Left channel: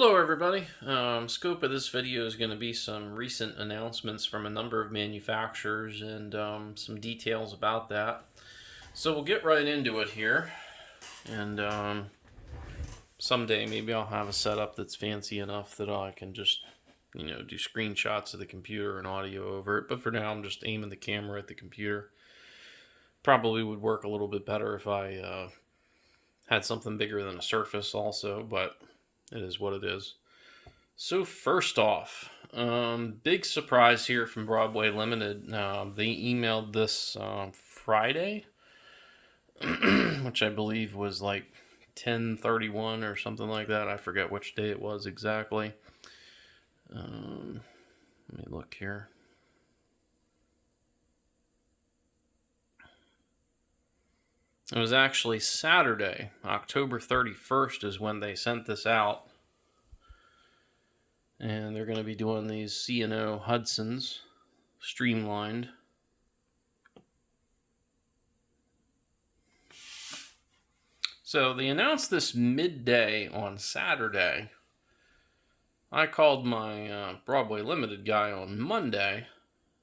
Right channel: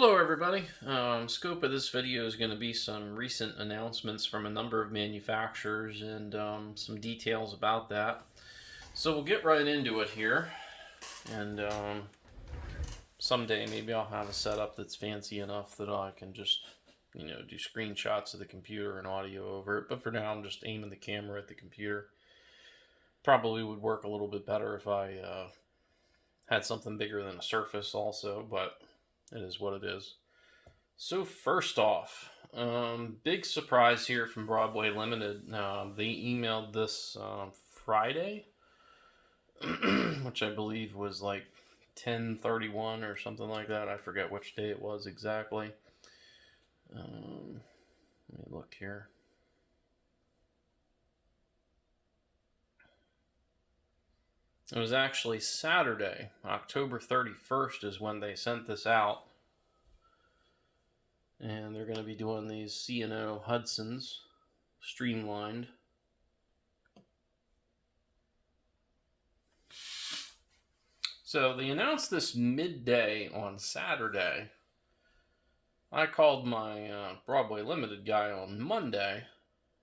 Hello everybody. Scope of this video is going to be some recent announcements from a number of manufacturers and some details about that. So we'll get right into it here, and someday maybe I'll have a setup that's fancy enough that I can just do screenshots of the computer and audio over it, but for now I'm just aiming the camera at the computer. Probably would work a little bit better if I had something bigger than a Surface also, but it is what it is. So first off, big surprise here from Broadway Limited. They emailed this Friday, which I believe was like 10/31 or something like that. I forget which day it was exactly. Let me look here. It was actually Saturday, October 31st is when they sent this out. And they're going to be doing these C&O Hudsons, streamlined. So they announced this midday on Saturday. I called my Broadway Limited guy on Monday,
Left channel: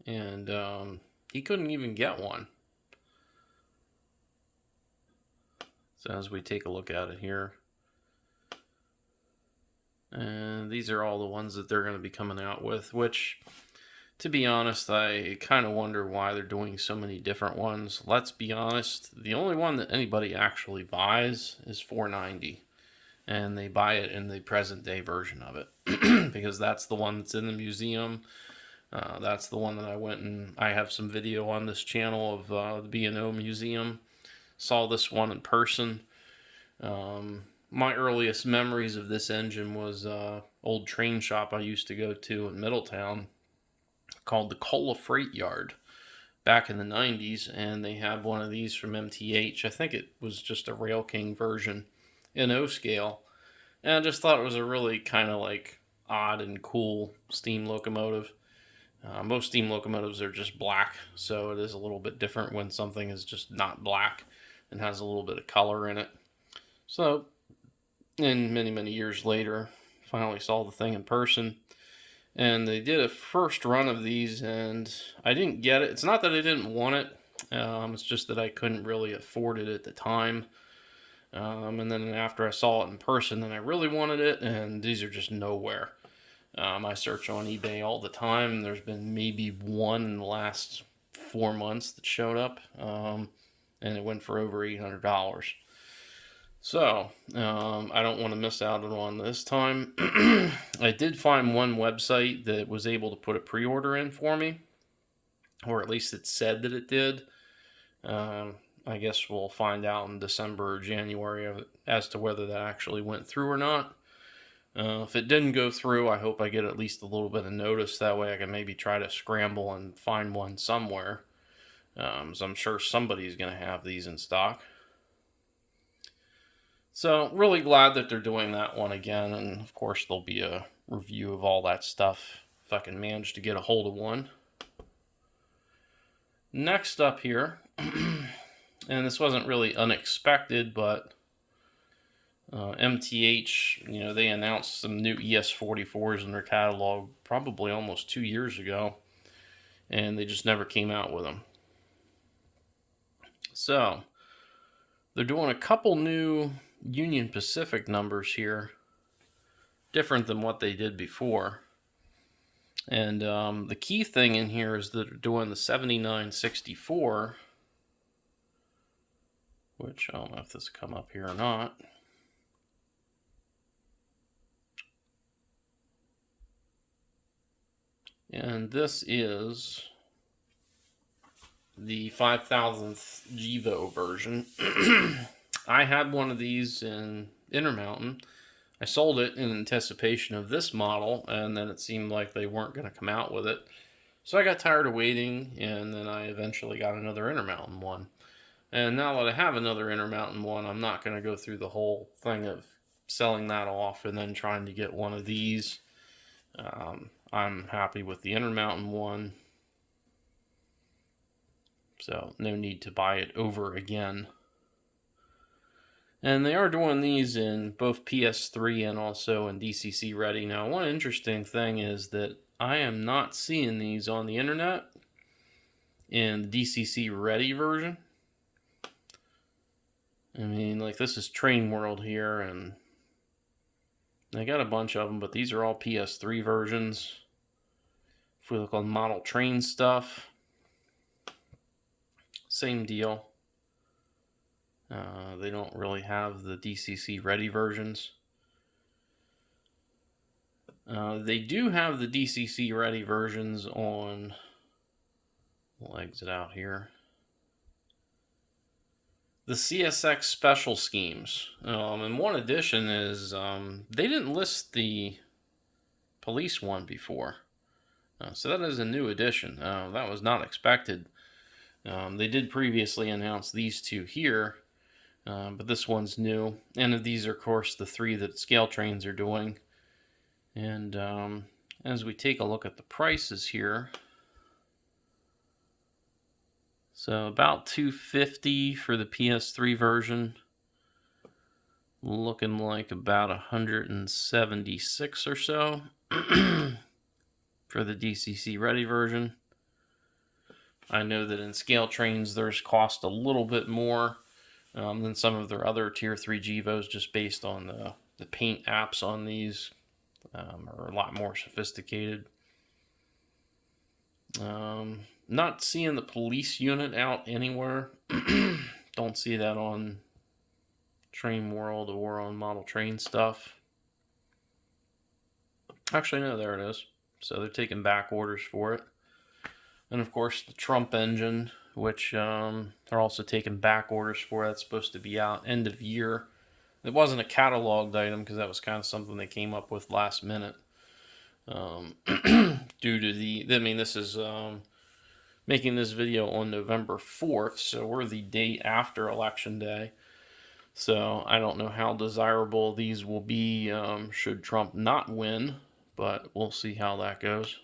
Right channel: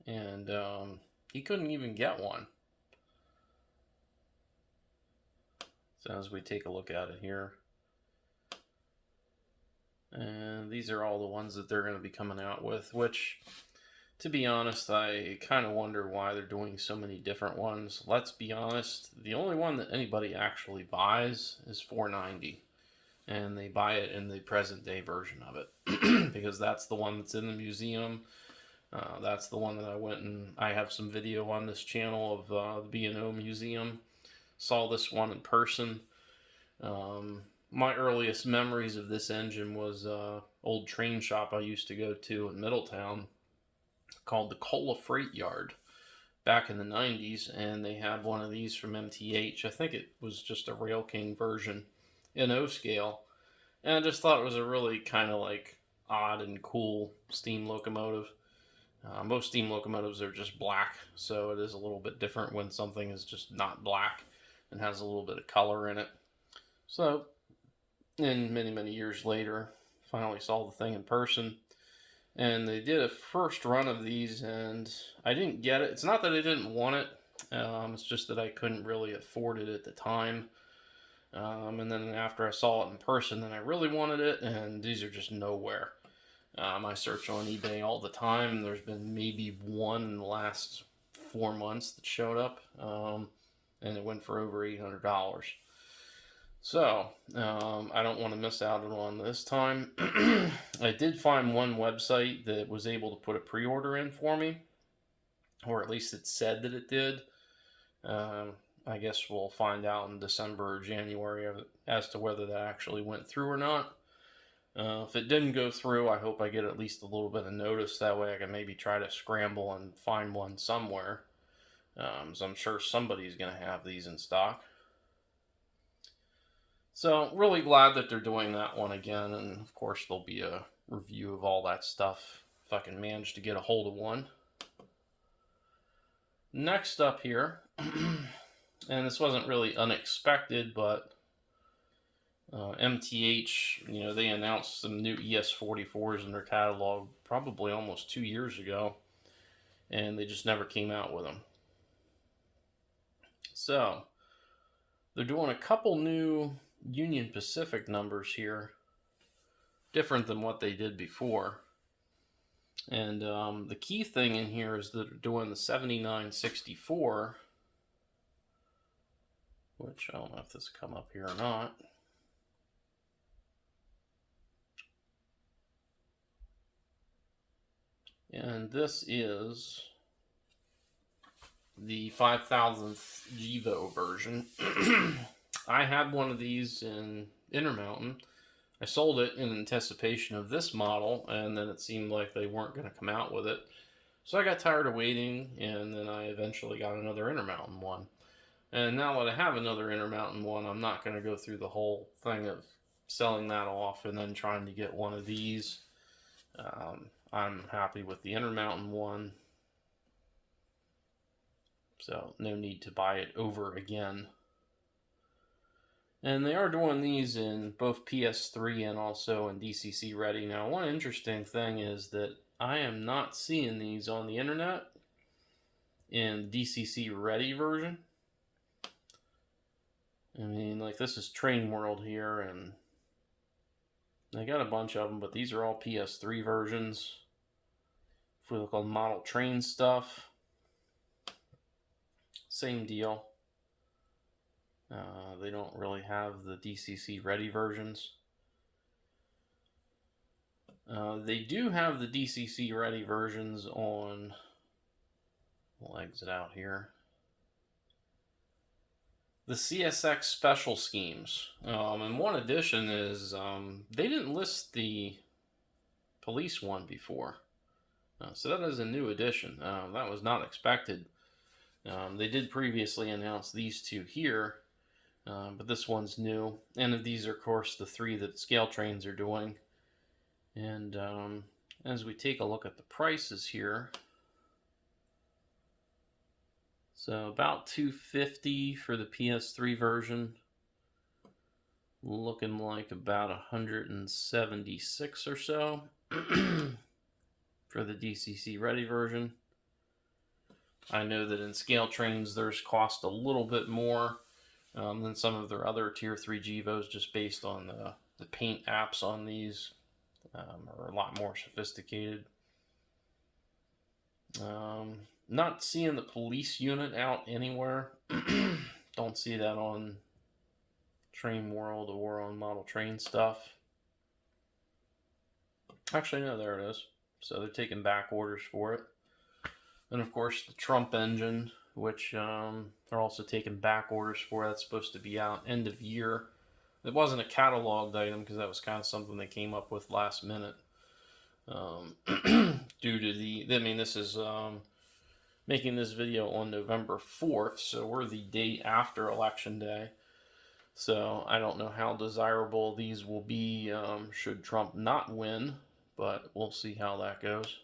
and he couldn't even get one. So as we take a look at it here, and these are all the ones that they're going to be coming out with, which, to be honest, I kind of wonder why they're doing so many different ones. Let's be honest, the only one that anybody actually buys is $490, and they buy it in the present day version of it because that's the one that's in the museum. That's the one that I went and I have some video on this channel of the B&O Museum. Saw this one in person. My earliest memories of this engine was old train shop I used to go to in Middletown called the Cola Freight Yard back in the 90s, and they had one of these from MTH. I think it was just a Rail King version in O scale, and I just thought it was a really kind of like odd and cool steam locomotive. Most steam locomotives are just black, so it is a little bit different when something is just not black and has a little bit of color in it. So, and many years later, finally saw the thing in person, and they did a first run of these, and I didn't get it. It's not that I didn't want it, it's just that I couldn't really afford it at the time. And then after I saw it in person, then I really wanted it, and these are just nowhere. I search on eBay all the time. There's been maybe one in the last 4 months that showed up, and it went for over $800. So, I don't want to miss out on one this time. I did find one website that was able to put a pre-order in for me, or at least it said that it did. I guess we'll find out in December or January as to whether that actually went through or not. If it didn't go through, I hope I get at least a little bit of notice. That way I can maybe try to scramble and find one somewhere. So I'm sure somebody's going to have these in stock. So really glad that they're doing that one again. And of course there'll be a review of all that stuff if I can manage to get a hold of one. Next up here, and this wasn't really unexpected, but MTH, they announced some new ES44s in their catalog probably almost 2 years ago, and they just never came out with them. So they're doing a couple new Union Pacific numbers here, different than what they did before. And the key thing in here is that they're doing the 7964, which I don't know if this will come up here or not. And this is the 5000th GEVO version. I had one of these in Intermountain. I sold it in anticipation of this model, and then it seemed like they weren't going to come out with it. So I got tired of waiting, and then I eventually got another Intermountain one. And now that I have another Intermountain one, I'm not going to go through the whole thing of selling that off and then trying to get one of these. I'm happy with the Intermountain one, so no need to buy it over again. And they are doing these in both PS3 and also in DCC ready. Now, one interesting thing is that I am not seeing these on the internet in DCC ready version. I mean, like, this is Train World here, and they got a bunch of them, but these are all PS3 versions. If we look on model train stuff, same deal. They don't really have the DCC ready versions. They do have the DCC ready versions on, we'll exit out here, the CSX special schemes. And one addition is they didn't list the police one before. So that is a new addition. That was not expected. They did previously announce these two here, but this one's new. And these are, of course, the three that Scale Trains are doing. And as we take a look at the prices here, so about $250 for the PS3 version, looking like about $176 or so for the DCC ready version. I know that in Scale Trains there's cost a little bit more than some of their other Tier 3 GEVOs, just based on the paint apps on these are a lot more sophisticated. Not seeing the police unit out anywhere. Don't see that on Train World or on model train stuff. Actually, no, there it is. So they're taking back orders for it. And of course, the Trump engine, which they're also taking back orders for. That's supposed to be out end of year. It wasn't a cataloged item because that was kind of something they came up with last minute. Due to this is making this video on November 4th, so we're the day after Election Day. So I don't know how desirable these will be should Trump not win, but we'll see how that goes.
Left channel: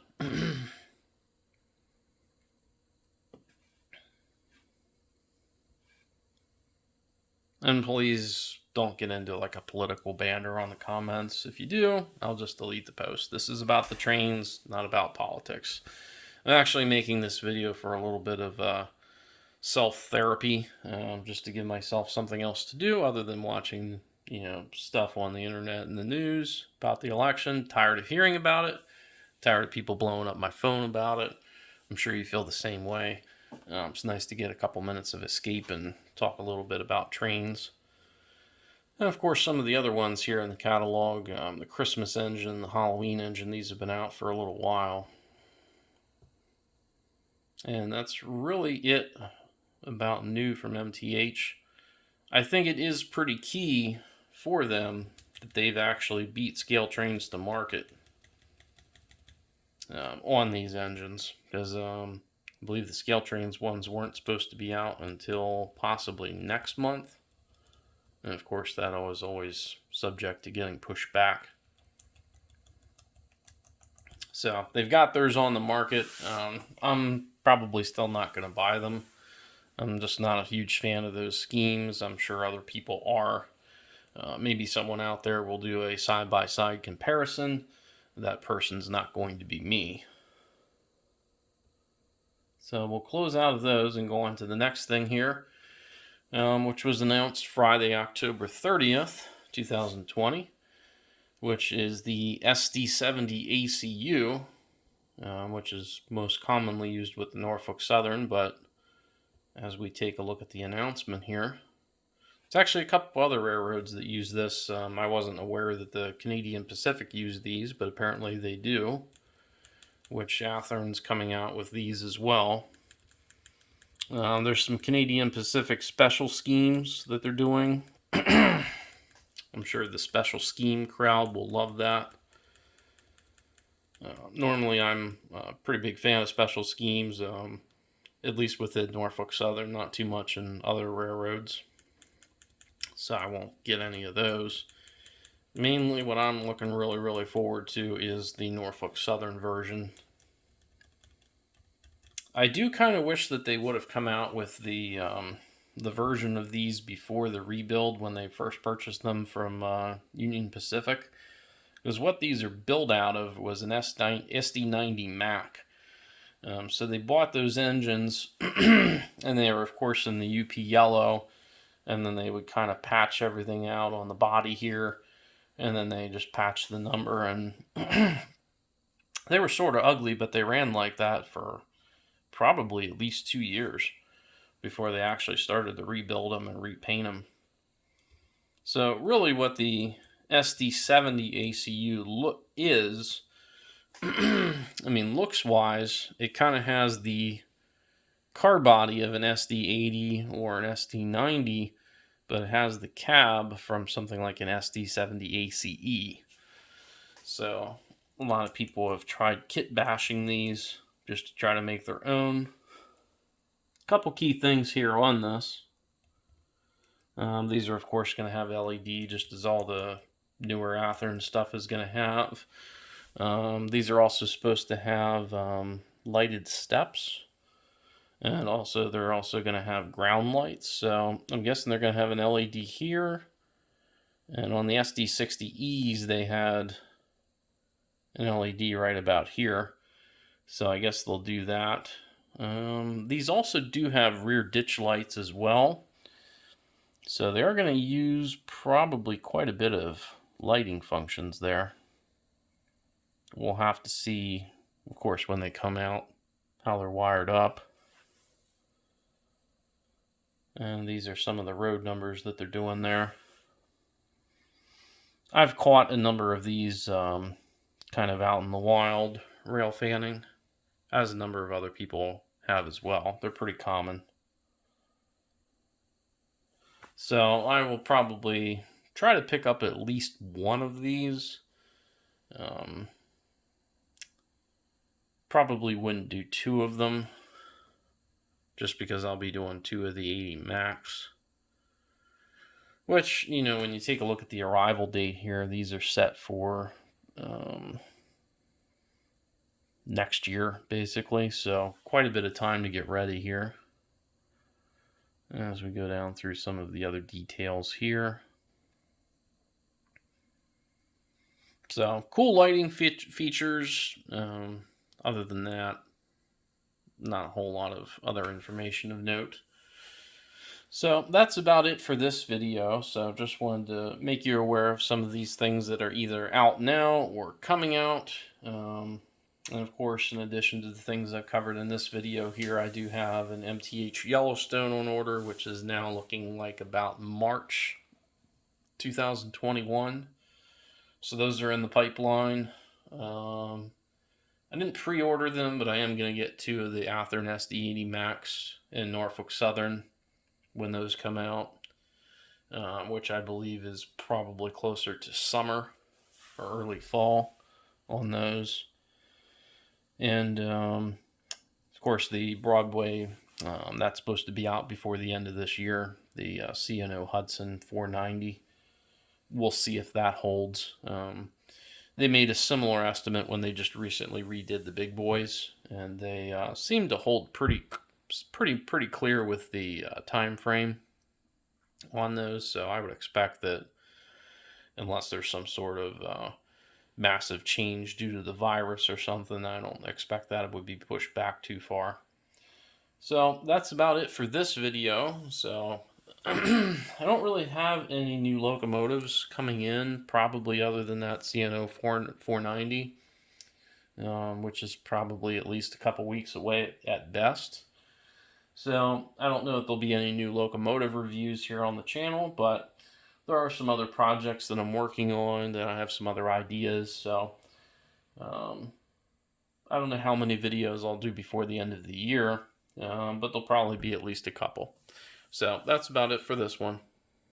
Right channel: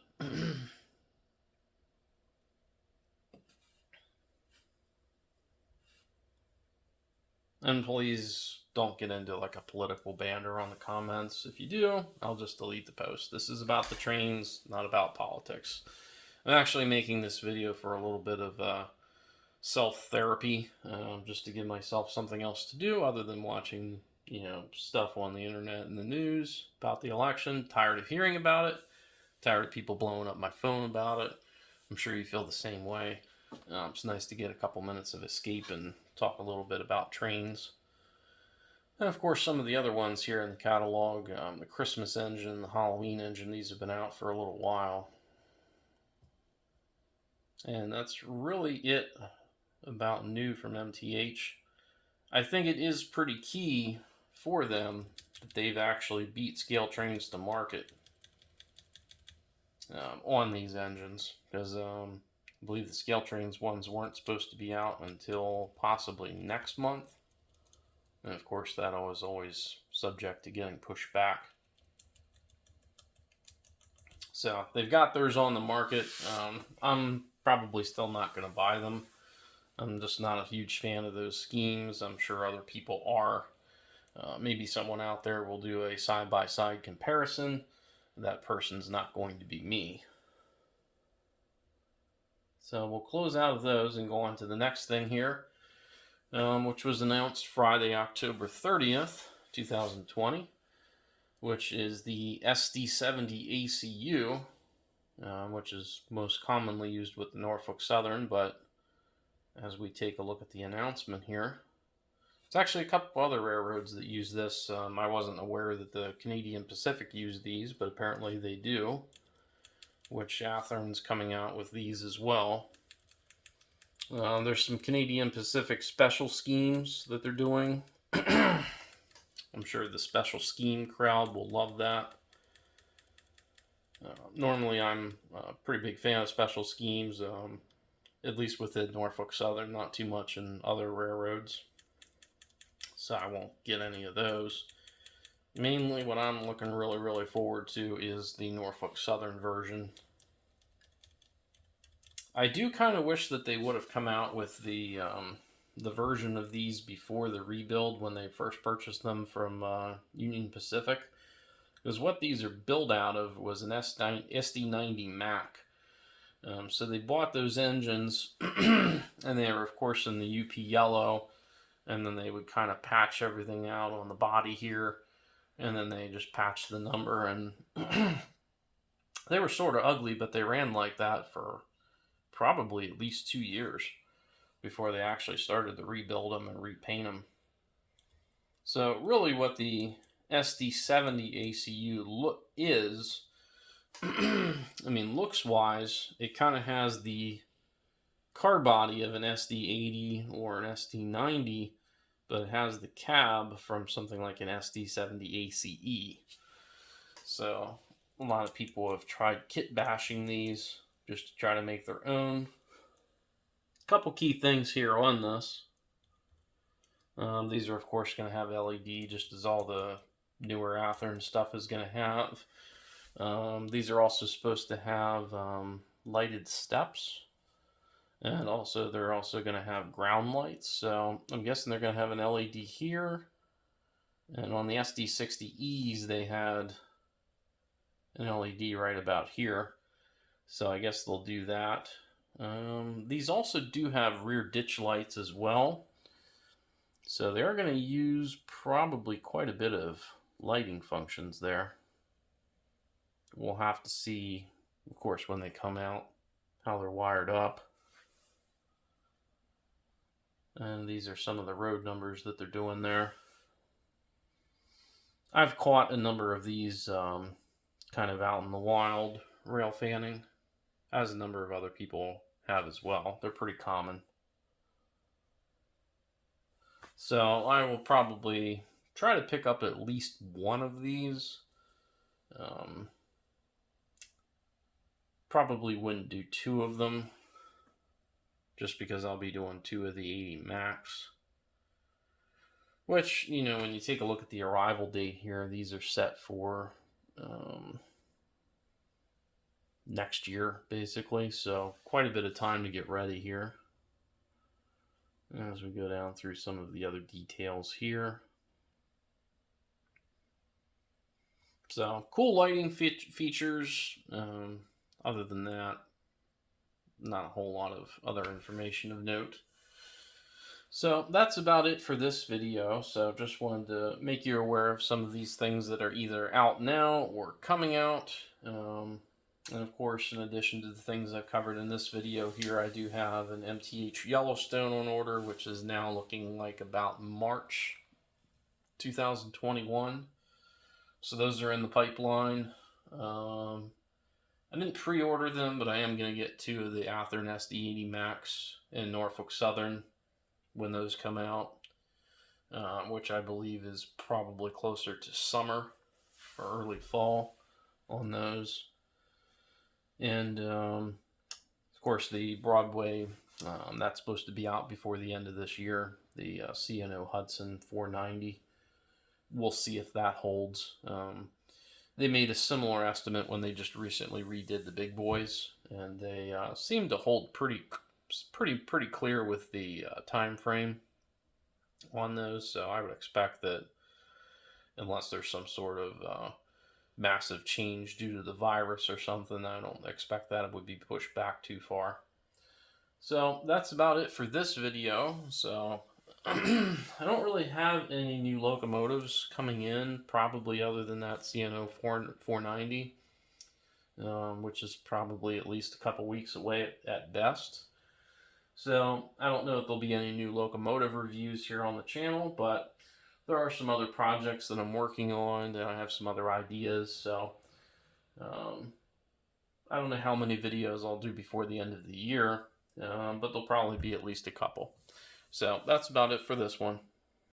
And please don't get into like a political banter on the comments. If you do, I'll just delete the post. This is about the trains, not about politics. I'm actually making this video for a little bit of self-therapy, just to give myself something else to do other than watching, stuff on the internet and the news about the election. Tired of hearing about it. Tired of people blowing up my phone about it. I'm sure you feel the same way. It's nice to get a couple minutes of escape and talk a little bit about trains. And of course, some of the other ones here in the catalog, the Christmas engine, the Halloween engine, these have been out for a little while. And that's really it about new from MTH. I think it is pretty key for them that they've actually beat Scale Trains to market on these engines, because I believe the Scale Trains ones weren't supposed to be out until possibly next month. And of course, that was always subject to getting pushed back. So they've got theirs on the market. I'm probably still not going to buy them. I'm just not a huge fan of those schemes. I'm sure other people are. Maybe someone out there will do a side-by-side comparison. That person's not going to be me. So we'll close out of those and go on to the next thing here, which was announced Friday, October 30th, 2020. Which is the SD70ACU, which is most commonly used with the Norfolk Southern, but as we take a look at the announcement here, it's actually a couple other railroads that use this. I wasn't aware that the Canadian Pacific used these, but apparently they do, which Athearn's coming out with these as well. There's some Canadian Pacific special schemes that they're doing. I'm sure the special scheme crowd will love that. Normally, I'm a pretty big fan of special schemes, at least within Norfolk Southern, not too much in other railroads. So I won't get any of those. Mainly what I'm looking really forward to is the Norfolk Southern version. I do kind of wish that they would have come out with the the version of these before the rebuild when they first purchased them from Union Pacific, because what these are built out of was an SD90 Mac. So they bought those engines, and they were, of course, in the UP yellow, and then they would kind of patch everything out on the body here, and then they just patched the number, and they were sort of ugly, but they ran like that for probably at least 2 years before they actually started to rebuild them and repaint them. So really what the SD70ACU look is, I mean, looks wise, it kind of has the car body of an SD80 or an SD90, but it has the cab from something like an SD70ACE. So a lot of people have tried kit bashing these just to try to make their own. A couple key things here on this. These are, of course, going to have LED, just as all the newer Athearn stuff is going to have. These are also supposed to have lighted steps, and also they're also going to have ground lights. So I'm guessing they're going to have an LED here, and on the SD60Es they had an LED right about here. So I guess they'll do that. These also do have rear ditch lights as well. So they are going to use probably quite a bit of lighting functions there. We'll have to see, of course, when they come out, how they're wired up. And these are some of the road numbers that they're doing there. I've caught a number of these kind of out in the wild, rail fanning, as a number of other people have as well. They're pretty common. So I will probably try to pick up at least one of these. Probably wouldn't do 2 of them, just because I'll be doing 2 of the 80 Max. Which, you know, when you take a look at the arrival date here, these are set for next year, basically. So quite a bit of time to get ready here. As we go down through some of the other details here. So cool lighting features. Other than that, not a whole lot of other information of note. So that's about it for this video. So just wanted to make you aware of some of these things that are either out now or coming out. And of course, in addition to the things I covered in this video here, I do have an MTH Yellowstone on order, which is now looking like about March 2021. So those are in the pipeline. I didn't pre-order them, but I am going to get 2 of the Athearn SD80 Max in Norfolk Southern when those come out, which I believe is probably closer to summer or early fall on those. And of course the Broadway, that's supposed to be out before the end of this year, the C&O Hudson 490. We'll see if that holds. They made a similar estimate when they just recently redid the big boys, and they seem to hold pretty clear with the time frame on those. So I would expect that, unless there's some sort of massive change due to the virus or something, I don't expect that it would be pushed back too far. So that's about it for this video. So I don't really have any new locomotives coming in, probably, other than that C&O 490, which is probably at least a couple weeks away at best. So I don't know if there'll be any new locomotive reviews here on the channel, but there are some other projects that I'm working on, that I have some other ideas. So I don't know how many videos I'll do before the end of the year, but there'll probably be at least a couple. So that's about it for this one.